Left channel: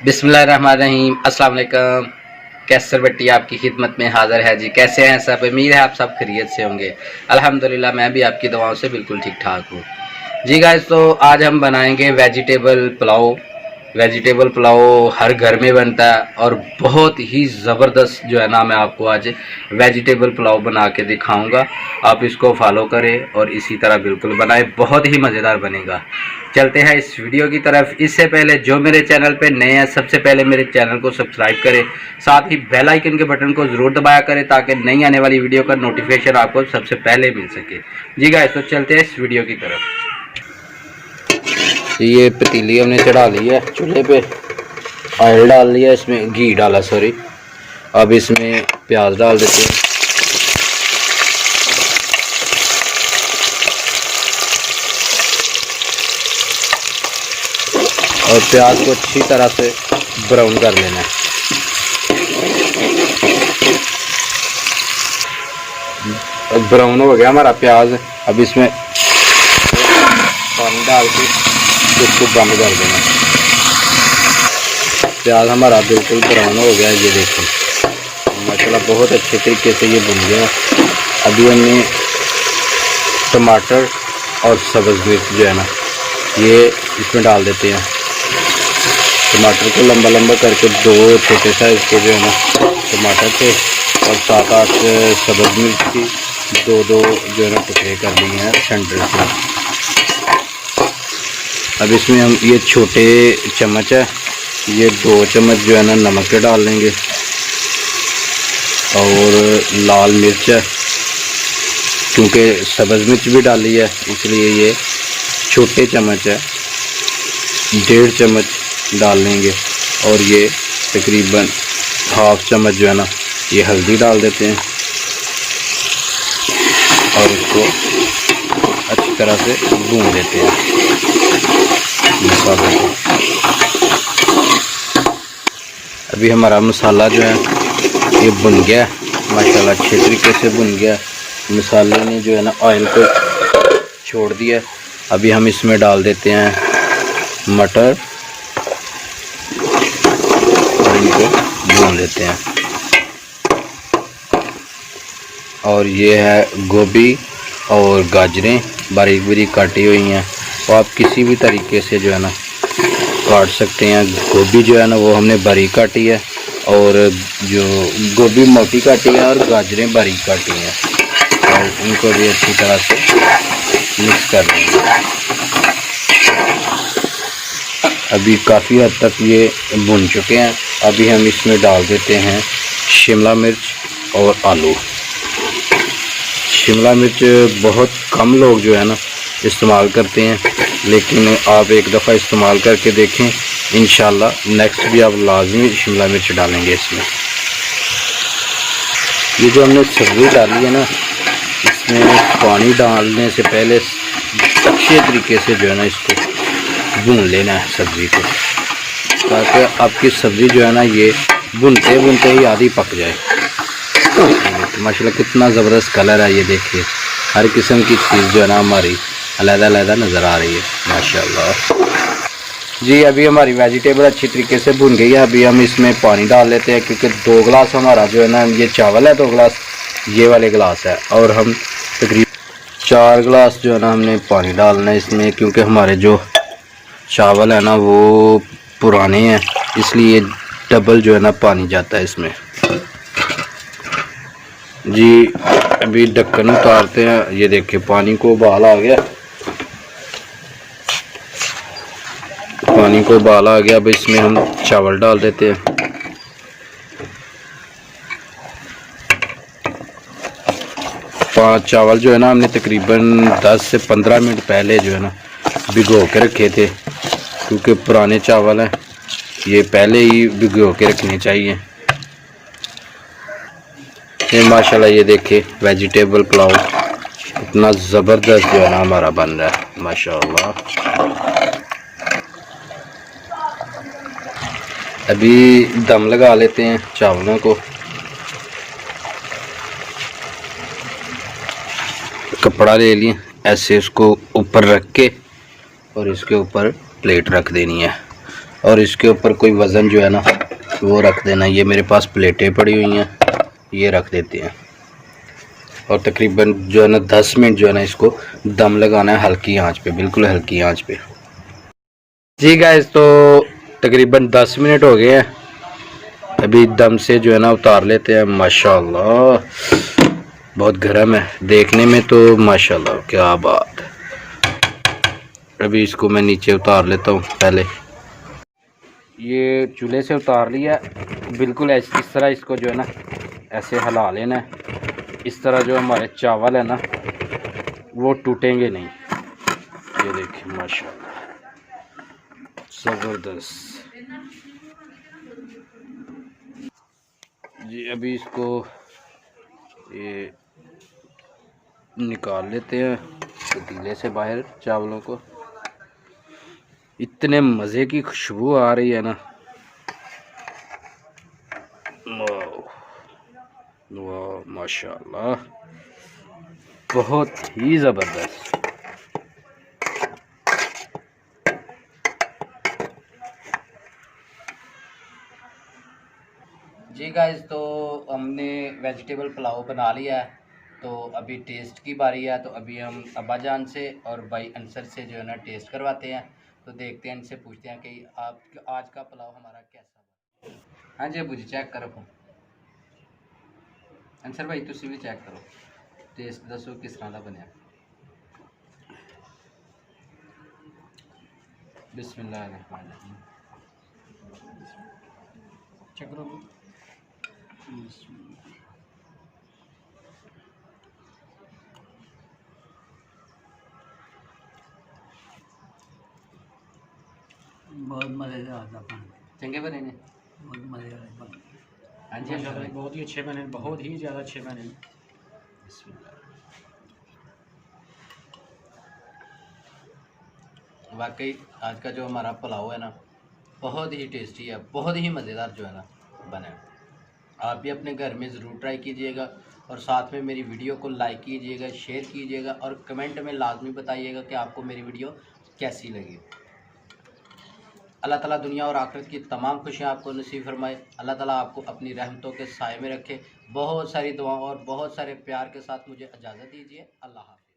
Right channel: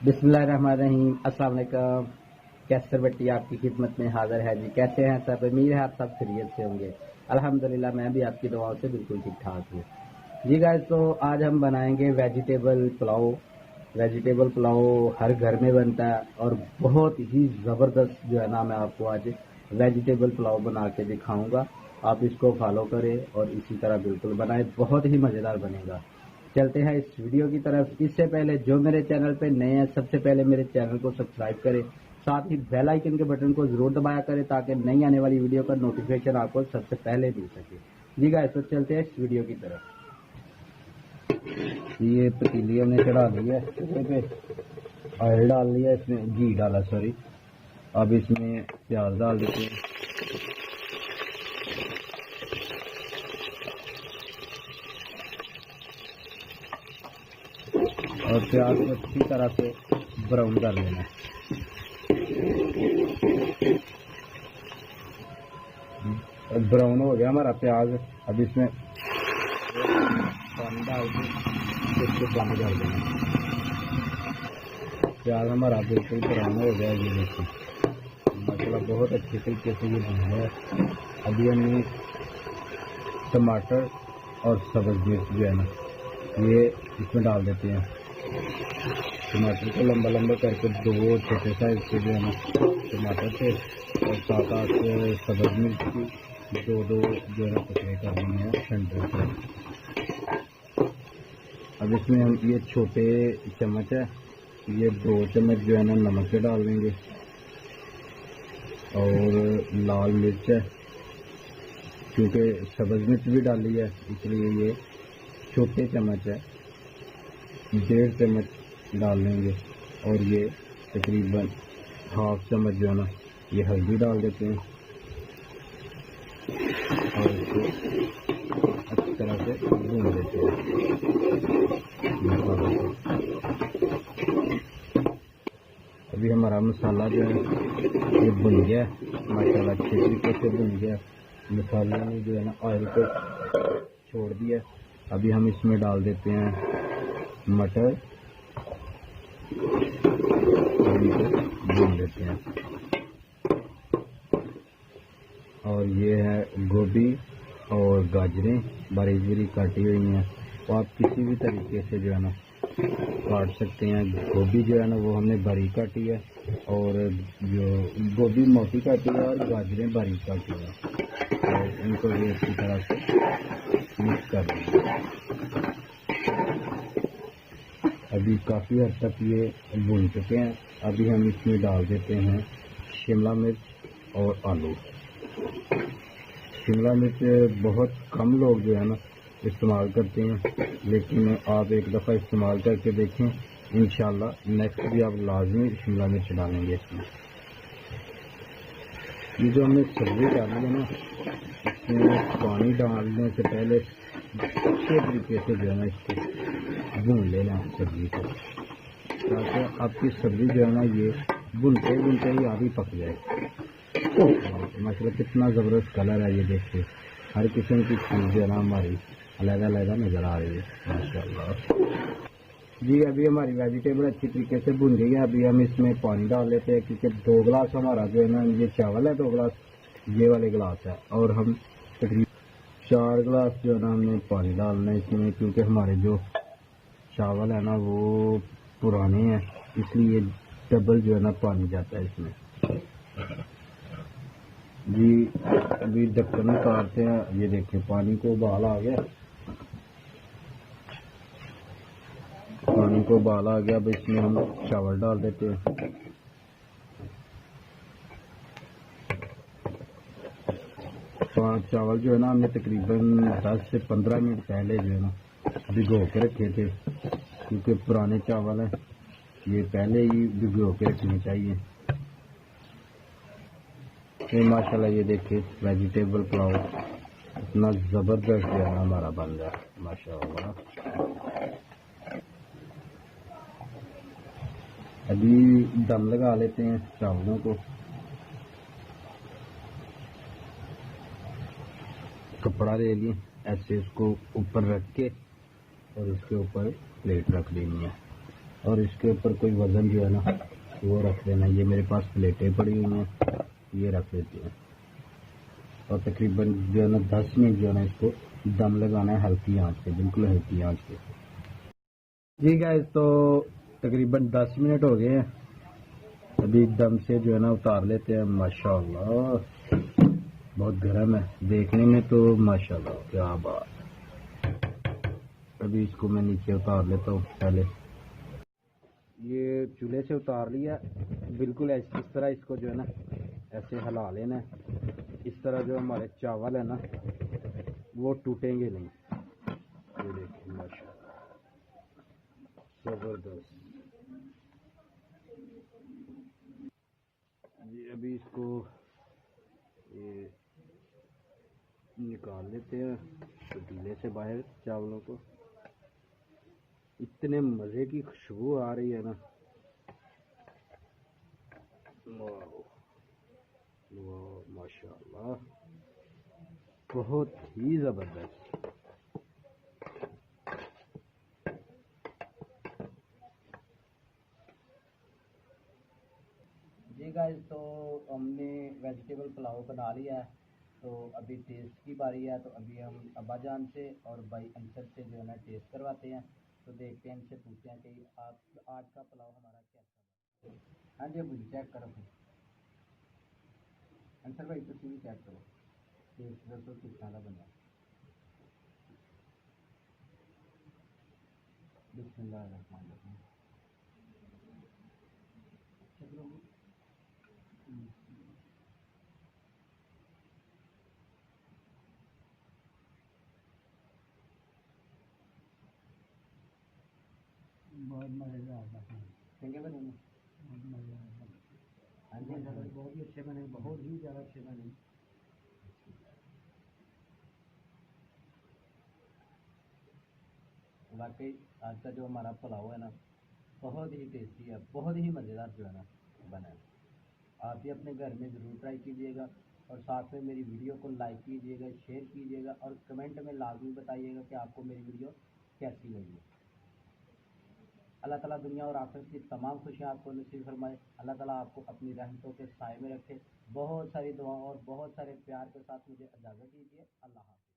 बिस्मिल्लाहिर्रहमानिर्रहीम। अस्सलाम वालेकुम। कैसर भट्टी आपकी खिदमत में हाज़िर है जी। कैसे हैं सब? उम्मीद है आप सब खैरियत से होंगे। अल्हम्दुलिल्लाह मैं भी आपकी दुआओं से बिल्कुल ठीक ठाक हूँ जी। गाइस तो आज हम बनाएंगे वेजिटेबल पुलाव। वेजिटेबल पुलाव हर घर में बनता है और बहुत ही ज़बरदस्त जो है ना, मैं आपको आज वेजिटेबल पुलाव बना के दिखाऊंगा। आप इसको फॉलो करें और इसी तरह बिल्कुल बनाएं, बहुत ही मज़ेदार बनेगा। चलते हैं इस वीडियो की तरफ। इससे पहले जो मेरे चैनल पे नए हैं, सबसे पहले मेरे चैनल को सब्सक्राइब करें, साथ ही बेल आइकन के बटन को ज़रूर दबाया करें ताकि नई आने वाली वीडियो का नोटिफिकेशन आपको सबसे पहले मिल सके जी। गाइस तो चलते हैं इस वीडियो की तरफ। ये पतीली हमने चढ़ा ली है चूल्हे पे, ऑयल डाल लिया, इसमें घी डाला सॉरी। अब इसमें प्याज डाल देते हैं। और प्याज को अच्छी तरह से ब्राउन कर लेना है। अब ब्राउन हो गया हमारा प्याज। अब इसमें पानी डाल के इसको बंद कर देना। प्याज हमारा बिल्कुल ब्राउन हो गया, ये देखो माशाल्लाह बहुत अच्छे तरीके से ये बन गया। अभी हमने टमाटर और सब्ज़ मिर्च जो है ना, ये इसमें डाल देते हैं। टमाटर को लंबा लंबा करके दो छोटे साइज़ के जो है ना टमाटर थे और 7-8 सब्ज़ मिर्च की दो जो है ना टुकड़े कर लिए हैं सेंटर से। अब इसमें हम ये छोटे चम्मच है, ये 2 चम्मच जो है ना नमक के डाल लेंगे। और लाल मिर्च है, क्योंकि सब्ज़ मिर्च भी डाली है इसलिए ये छोटे चम्मच है, 1.5 चम्मच डाल लेंगे। और ये तकरीबन 1/2 चम्मच जो है ना ये हल्दी डाल देते हैं और इसको अच्छी तरह से भून देते हैं मसाले को। अभी हमारा मसाला जो है ये भुन गया माशाल्लाह, अच्छे तरीके से भुन गया। मसाले ने जो है ना ऑयल को छोड़ दिया। अभी हम इसमें डाल देते हैं मटर और इनको भून लेते हैं। और ये है गोभी और गाजरें बारीक बारीक काटी हुई हैं। तो आप किसी भी तरीके से जो है ना काट सकते हैं। गोभी जो है ना वो हमने बारीक काटी है और जो गोभी मोटी काटी है और गाजरें बारीक काटी हैं। और इनको भी अच्छी तरह से मिक्स कर देंगे। अभी काफ़ी हद तक ये भुन चुके हैं। अभी हम इसमें डाल देते हैं शिमला मिर्च और आलू। शिमला मिर्च बहुत कम लोग जो है ना इस्तेमाल करते हैं, लेकिन आप एक दफ़ा इस्तेमाल करके देखें, इंशाल्लाह नेक्स्ट भी आप लाजमी शिमला मिर्च डालेंगे इसमें। ये जो हमने सब्ज़ी डाली है ना, इसमें पानी डालने से पहले अच्छे तरीके से जो है ना इसको भून लेना है सब्ज़ी को, ताकि आपकी सब्ज़ी जो है ना ये भुनते भुनते ही आधी पक जाए। माशाल्लाह कितना ज़बरदस्त कलर है, ये देखिए हर किस्म की चीज़ जो है ना हमारी अलग-अलग नज़र आ रही है माशाल्लाह जी। अभी हमारी वेजिटेबल अच्छी तरीके से भुन गई है। अभी हम इसमें पानी डाल लेते हैं, क्योंकि 2 गिलास हमारा जो है ना ये चावल है, 2 गिलास ये वाले गिलास है। और हम तकरीबन 4 गिलास जो है ना हमने पानी डालना है इसमें, क्योंकि हमारे जो चावल है ना वो पुराने हैं, इसलिए डबल जो है ना पानी जाता है इसमें जी। अभी ढक्कन उतारते हैं। ये देखिए पानी को उबाल आ गया, पानी को उबाल आ गया। अब इसमें हम चावल डाल देते हैं। पाँच चावल जो है ना हमने तकरीबन 10 से 15 मिनट पहले जो है ना भिगो के रखे थे, क्योंकि पुराने चावल हैं, ये पहले ही भिगो के रखने चाहिए। ये माशाल्लाह ये देखिए वेजिटेबल पुलाव इतना ज़बरदस्त जो है ना हमारा बन रहा है माशाल्लाह। अभी दम लगा लेते हैं चावलों को। कपड़ा ले लिए, ऐसे इसको ऊपर रख के और इसके ऊपर प्लेट रख देनी है। और इसके ऊपर कोई वज़न जो है ना वो रख देना। ये मेरे पास प्लेटें पड़ी हुई हैं, ये रख देते हैं और तकरीबन जो है ना 10 मिनट जो है ना इसको दम लगाना है हल्की आंच पे, बिल्कुल हल्की आंच पे। जी गाइस, तो तकरीबन 10 मिनट हो गए हैं, अभी दम से जो है ना उतार लेते हैं। माशाल्लाह बहुत गर्म है, देखने में तो माशाल्लाह क्या बात है। अभी इसको मैं नीचे उतार लेता हूँ। पहले ये चूल्हे से उतार लिया, बिल्कुल ऐसे इस तरह इसको जो है ना ऐसे हिला लेना है। इस तरह जो हमारे चावल है ना वो टूटेंगे नहीं। ये देखिए माशाल्लाह ज़बरदस्त जी। अभी इसको ये निकाल लेते हैं पतीले से बाहर चावलों को। इतने मज़े की खुशबू आ रही है ना, वाह माशाल्लाह बहुत ही ज़बरदस्त। जी गाइस, तो हमने वेजिटेबल पुलाव बना लिया है, तो अभी टेस्ट की बारी है। तो अभी हम अब्बा जान से और भाई अंसर से जो है ना टेस्ट करवाते हैं। तो देखते हैं, इनसे पूछते हैं कि आप आज का पुलाव हमारा कैसा बना। हाँ जी अबू जी चेक करो। अंसर भाई तुसी भी चेक करो, टेस्ट दसो किस तरह का बनया। बिस्मिल्लाहिर्रहमानिर्रहीम चेक करो। बहुत मज़ेदार था चंगे बने ने, बहुत मज़ेदार बने। हाँ जी अंसर भाई बहुत ही अच्छे बने, बहुत ही ज़्यादा अच्छे बने। वाकई आज का जो हमारा पुलाव है ना बहुत ही टेस्टी है, बहुत ही मज़ेदार जो है ना बना है। आप भी अपने घर में ज़रूर ट्राई कीजिएगा और साथ में मेरी वीडियो को लाइक कीजिएगा, शेयर कीजिएगा और कमेंट में लाजमी बताइएगा कि आपको मेरी वीडियो कैसी लगी। अल्लाह ताला दुनिया और आखिरत की तमाम खुशियाँ आपको नसीब फरमाए। अल्लाह ताला आपको अपनी रहमतों के साए में रखे। बहुत सारी दुआओं और बहुत सारे प्यार के साथ मुझे इजाज़त दीजिए। अल्लाह हाफ़िज़।